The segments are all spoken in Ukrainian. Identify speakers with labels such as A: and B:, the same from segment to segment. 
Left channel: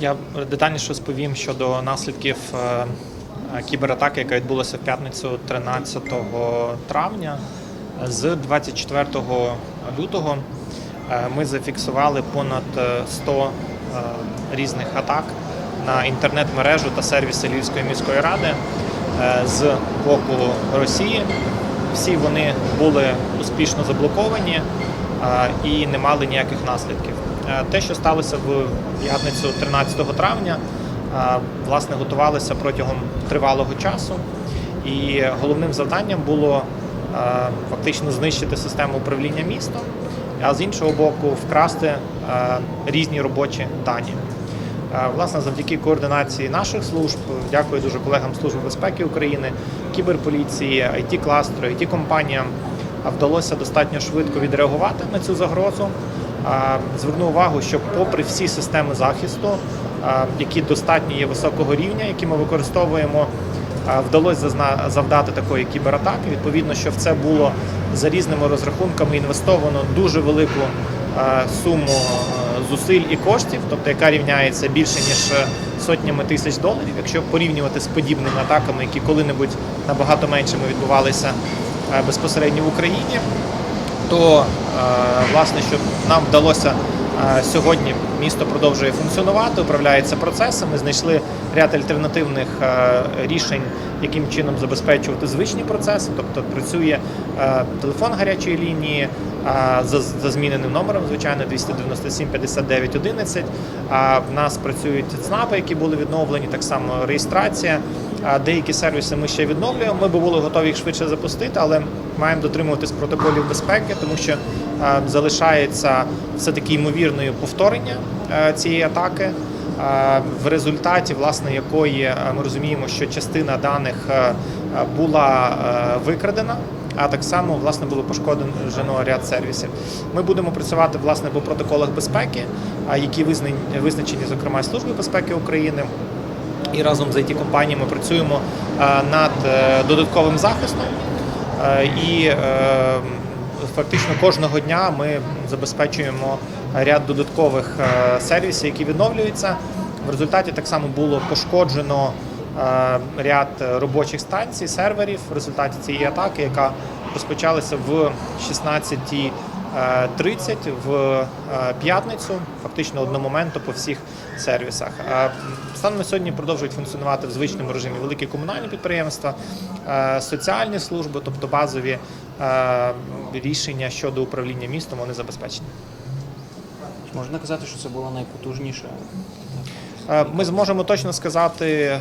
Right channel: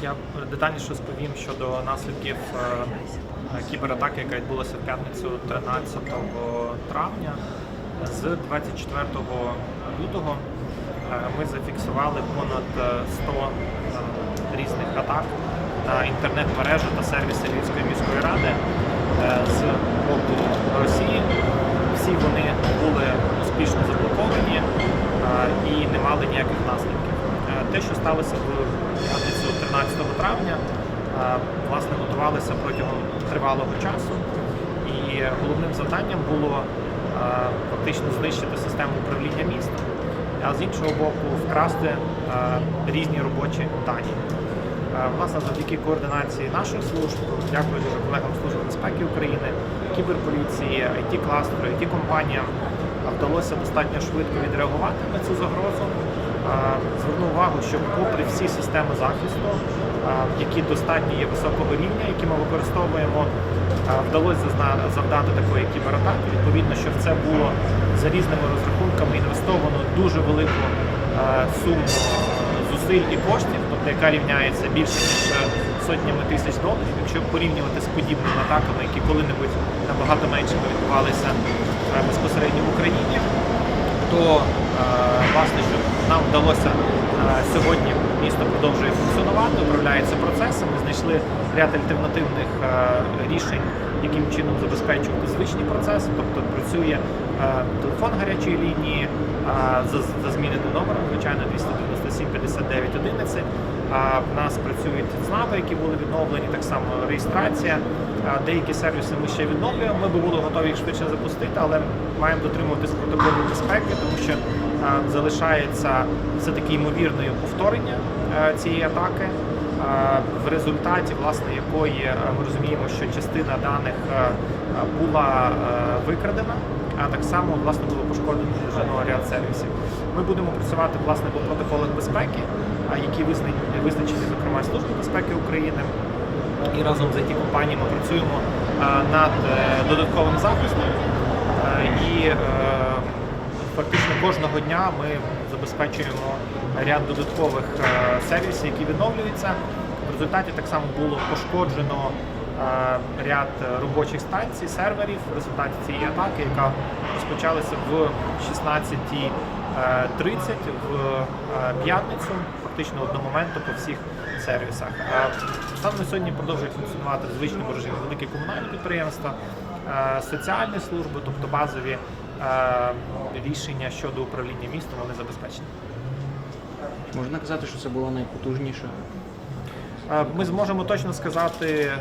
A: Я детальніше розповім щодо наслідків е, е, кібератаки, яка відбулася в п'ятницю 13 травня. З 24 лютого е, ми зафіксували понад е, 100 е, різних атак на інтернет-мережу та сервіси Львівської міської ради з боку Росії. Всі вони були успішно заблоковані і не мали ніяких наслідків. Те, що сталося в п'ятницю 13 травня, власне, готувалися протягом тривалого часу. І головним завданням було фактично знищити систему управління містом, а з іншого боку, вкрасти різні робочі дані. Власне, завдяки координації наших служб, дякую дуже колегам Служби безпеки України, кіберполіції, it кластеру it компаніям вдалося достатньо швидко відреагувати на цю загрозу. Зверну увагу, що попри всі системи захисту, які достатньо є високого рівня, які ми використовуємо, вдалося завдати такої кібератаки. Відповідно, що в це було за різними розрахунками інвестовано дуже велику суму зусиль і коштів, тобто яка рівняється більше ніж е, сотнями тисяч доларів. Якщо порівнювати з подібними атаками, які коли-небудь набагато меншими відбувалися е, безпосередньо в Україні, то е, власне, щоб нам вдалося е, сьогодні місто продовжує функціонувати, управляється процесами. Знайшли ряд альтернативних е, рішень, яким чином забезпечувати звичні процеси, тобто працює телефон гарячої лінії за, зміненим номером, звичайно, 297 59 11. А в нас працюють ЦНАПи, які були відновлені, так само реєстрація. Деякі сервіси ми ще відновлюємо. Ми були готові їх швидше запустити, але маємо дотримуватись протоколів безпеки, тому що залишається все таки ймовірною повторення е, цієї атаки. В результаті, власне, якої е, ми розуміємо, що частина даних е, була викрадена, а так само власне було пошкоджено ряд сервісів. Ми будемо працювати власне по протоколах безпеки, які визначені, зокрема, Службою безпеки України. І разом з it компаніями працюємо е, над е, додатковим захистом. Е, І фактично кожного дня ми забезпечуємо ряд додаткових сервісів, які відновлюються. В результаті так само було пошкоджено ряд робочих станцій, серверів в результаті цієї атаки, яка розпочалася в 16.30 в п'ятницю, фактично одномоментно по всіх сервісах. Станом на сьогодні продовжують функціонувати в звичному режимі великі комунальні підприємства, е, соціальні служби, тобто базові е, рішення щодо управління містом, вони забезпечені.
B: Можна казати, що це було найпотужніше.
A: Ми зможемо точно сказати е,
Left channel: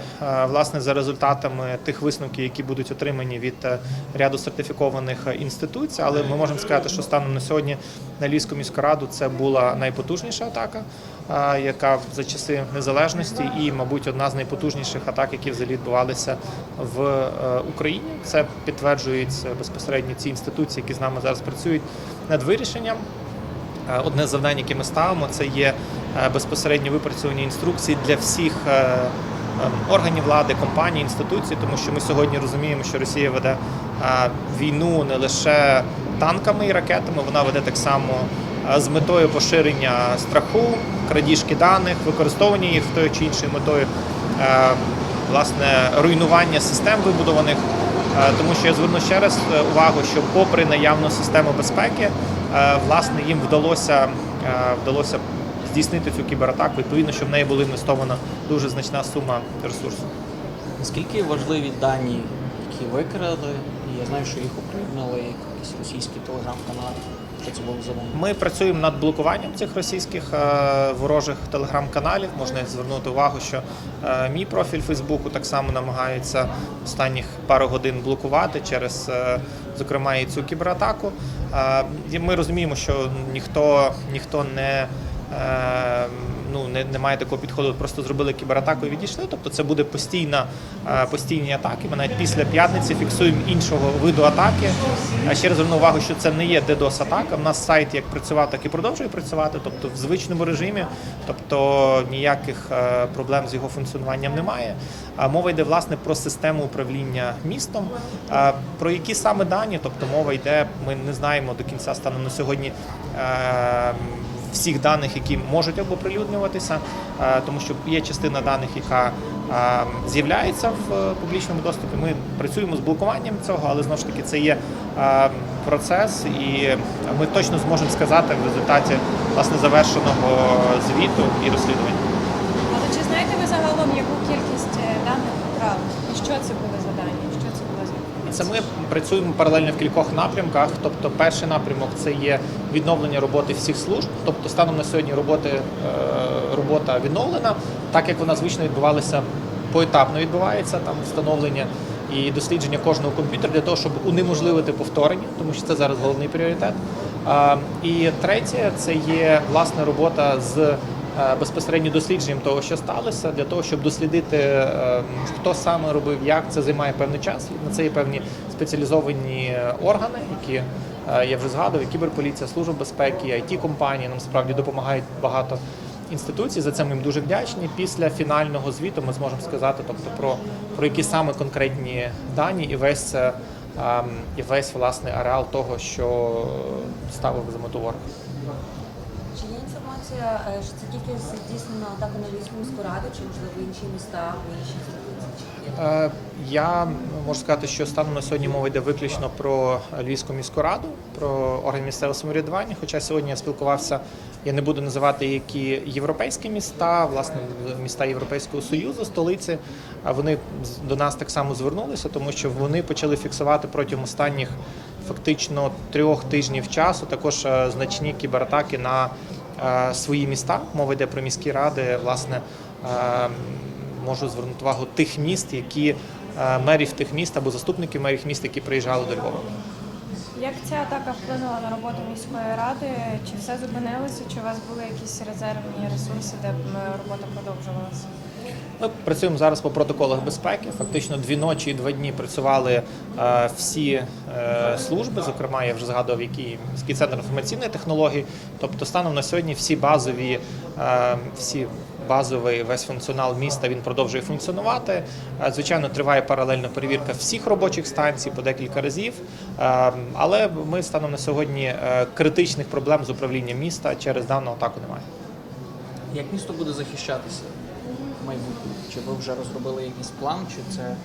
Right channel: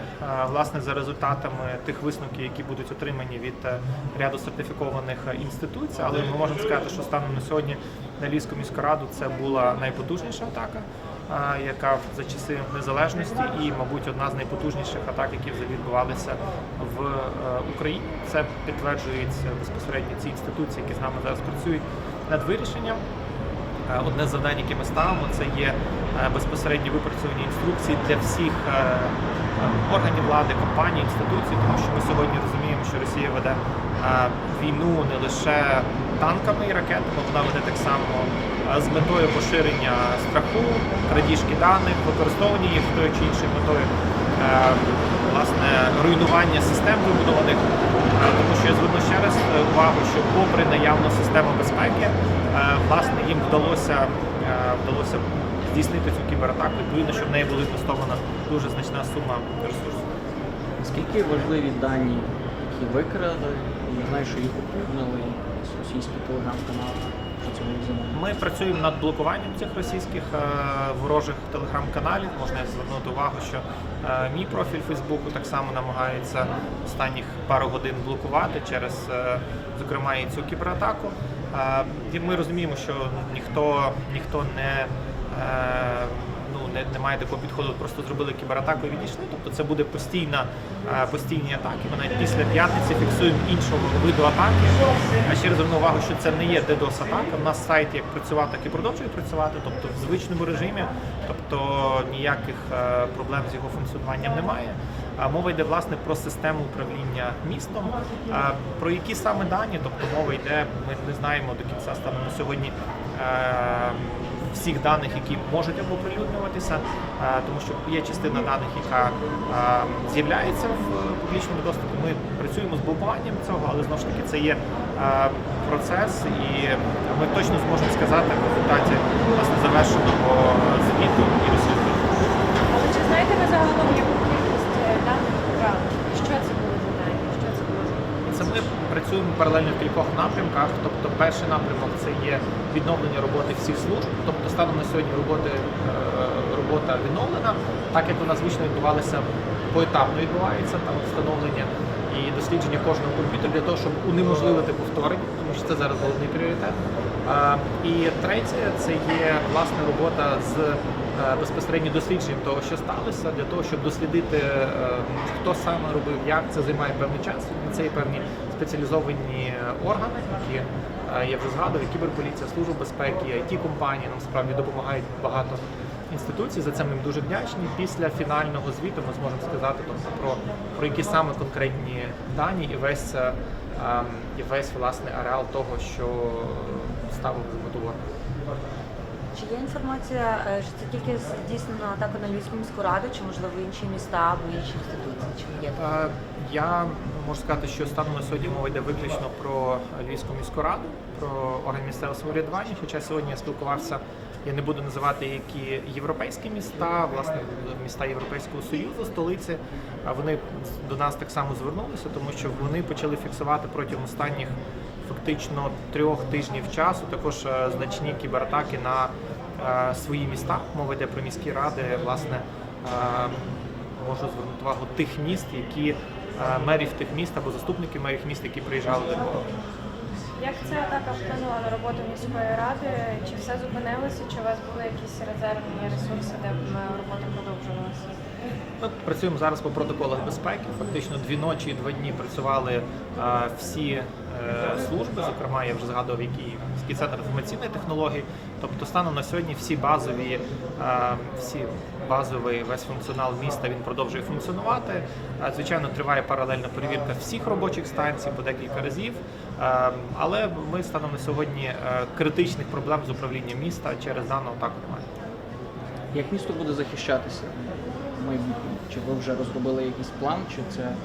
A: власне за результатами тих висновків, які будуть отримані від е, ряду сертифікованих е, інституцій, але ми можемо сказати, що станом на сьогодні на Львівську міську раду це була найпотужніша атака, яка за часи незалежності, і, мабуть, одна з найпотужніших атак, які взагалі відбувалися в Україні. Це підтверджують безпосередньо ці інституції, які з нами зараз працюють над вирішенням. Е, Одне з завдань, яке ми ставимо, це є е, безпосередньо випрацювання інструкцій для всіх е, е, органів влади, компаній, інституцій, тому що ми сьогодні розуміємо, що Росія веде війну не лише танками і ракетами, вона веде так само з метою поширення страху, крадіжки даних, використовування їх з тою чи іншою метою, власне, руйнування систем вибудованих. Тому що я зверну ще раз увагу, що попри наявну систему безпеки, власне їм вдалося е, вдалося здійснити цю кібератаку. Відповідно, що в неї була інвестована дуже значна сума ресурсів.
B: Наскільки важливі дані, які викрали, я знаю, що їх оприлюднили якісь російські телеграм-канали. Було за вони?
A: Ми працюємо над блокуванням цих російських е, ворожих телеграм-каналів. Можна звернути увагу, що е, мій профіль Фейсбуку так само намагається останніх пару годин блокувати через, е, зокрема, і цю кібератаку. Ми розуміємо, що ніхто ніхто не. Е, Ну, не, немає такого підходу, просто зробили кібератаку і відійшли. Тобто це буде постійна, е, постійні атаки. Ми навіть після п'ятниці фіксуємо іншого виду атаки. А ще раз зверну увагу, що це не є DDoS атака. У нас сайт як працював, так і продовжує працювати, тобто в звичному режимі, тобто ніяких е, проблем з його функціонуванням немає. Мова йде власне про систему управління містом. Е, Про які саме дані, тобто мова йде, ми не знаємо до кінця станом на сьогодні. Всіх даних, які можуть оприлюднюватися, тому що є частина даних, яка з'являється в е, публічному доступі. Ми працюємо з блокуванням цього, але знову ж таки це є процес, і ми точно зможемо сказати в результаті власне завершеного звіту і розслідування.
C: Чи знаєте ви загалом, яку кількість е, даних брали? Що це були за дані? Що це було за
A: Це ми працюємо паралельно в кількох напрямках. Тобто, перший напрямок це є відновлення роботи всіх служб. Тобто, станом на сьогодні роботи е, робота відновлена, так як вона звично відбувалася поетапно відбувається там встановлення і дослідження кожного комп'ютера для того, щоб унеможливити повторення, тому що це зараз головний пріоритет. Е, і третє це є власне робота з безпосередньо дослідженням того, що сталося, для того, щоб дослідити, е, хто саме робив, як це займає певний час. На це є певні спеціалізовані органи, які е, я вже згадував, кіберполіція, служба безпеки, it компанії нам справді допомагають багато інституцій. За це ми їм дуже вдячні. Після фінального звіту ми зможемо сказати, тобто про, про які саме конкретні дані і весь е, ем, і весь власний ареал того, що ставив за мету ворог.
D: Чи є інформація, е, що це тільки здійснена атака на Львівську міську раду, чи можливо інші міста або інші інституції? Чи є?
A: Е, Я можу сказати, що станом на сьогодні мова йде виключно про Львівську міську раду, про орган місцевого самоврядування. Хоча сьогодні я спілкувався, я не буду називати які європейські міста, власне, міста Європейського Союзу, столиці. А Вони до нас так само звернулися, тому що вони почали фіксувати протягом останніх фактично трьох тижнів часу також е, значні кібератаки на е, свої міста. Мова йде про міські ради, власне. е, можу звернути увагу тих міст, які мерів тих міст або заступників мерів міст, які приїжджали до Львова.
C: Як ця атака вплинула на роботу міської ради? Чи все зупинилося? Чи у вас були якісь резервні ресурси, де робота продовжувалася?
A: Ми працюємо зараз по протоколах безпеки. Фактично дві ночі і два дні працювали е, всі е, служби. Зокрема, я вже згадував, який центр інформаційної технології. Тобто, станом на сьогодні всі базові, е, всі базовий весь функціонал міста він продовжує функціонувати. Звичайно, триває паралельно перевірка всіх робочих станцій по декілька разів. Але ми станом на сьогодні критичних проблем з управлінням міста через дану атаку немає.
B: Як місто буде захищатися майбутньому? Чи ви вже розробили якийсь план, чи це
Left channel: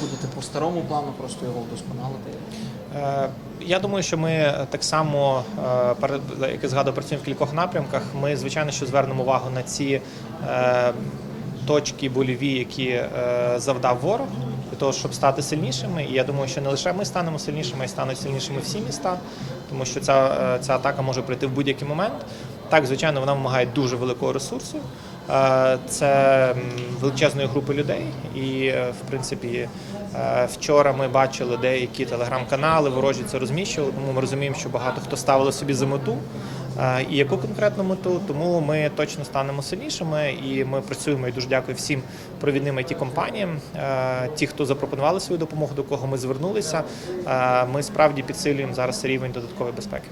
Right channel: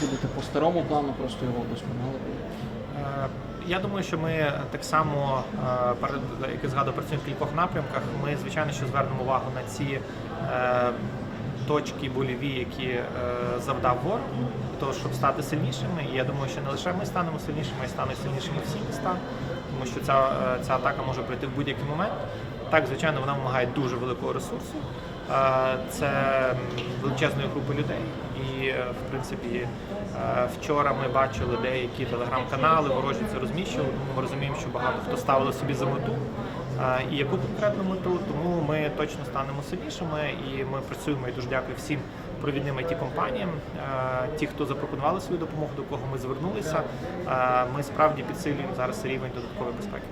B: будете по старому плану, просто його вдосконалити?
A: Е, Я думаю, що ми так само, е, як я згадував, працюємо в кількох напрямках. Ми, звичайно, що звернемо увагу на ці е, точки больові, які е, завдав ворог, для того, щоб стати сильнішими. І я думаю, що не лише ми станемо сильнішими, а й стануть сильнішими всі міста, тому що ця, ця атака може прийти в будь-який момент. Так, звичайно, вона вимагає дуже великого ресурсу. Е, Це величезної групи людей. І, е, в принципі, е, вчора ми бачили деякі телеграм-канали, ворожі це розміщували, тому ми розуміємо, що багато хто ставили собі за мету. І яку конкретну мету, тому ми точно станемо сильнішими, і ми працюємо і дуже дякую всім провідним it компаніям, ті, хто запропонували свою допомогу, до кого ми звернулися. Ми справді підсилюємо зараз рівень додаткової безпеки.